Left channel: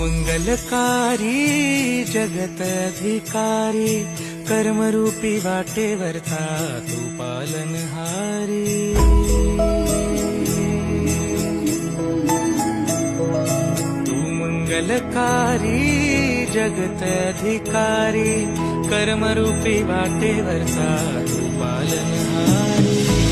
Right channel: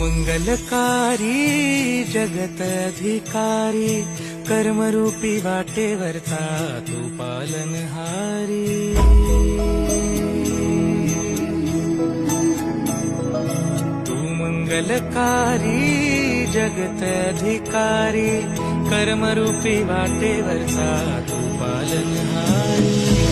मंगलकारी जगत अधिकारी कर्मरूपी वाटेवरचा तू पालनहारी। तू मंगलकारी जगत अधिकारी कर्मरूपी वाटेवरचा तू पालनहारी।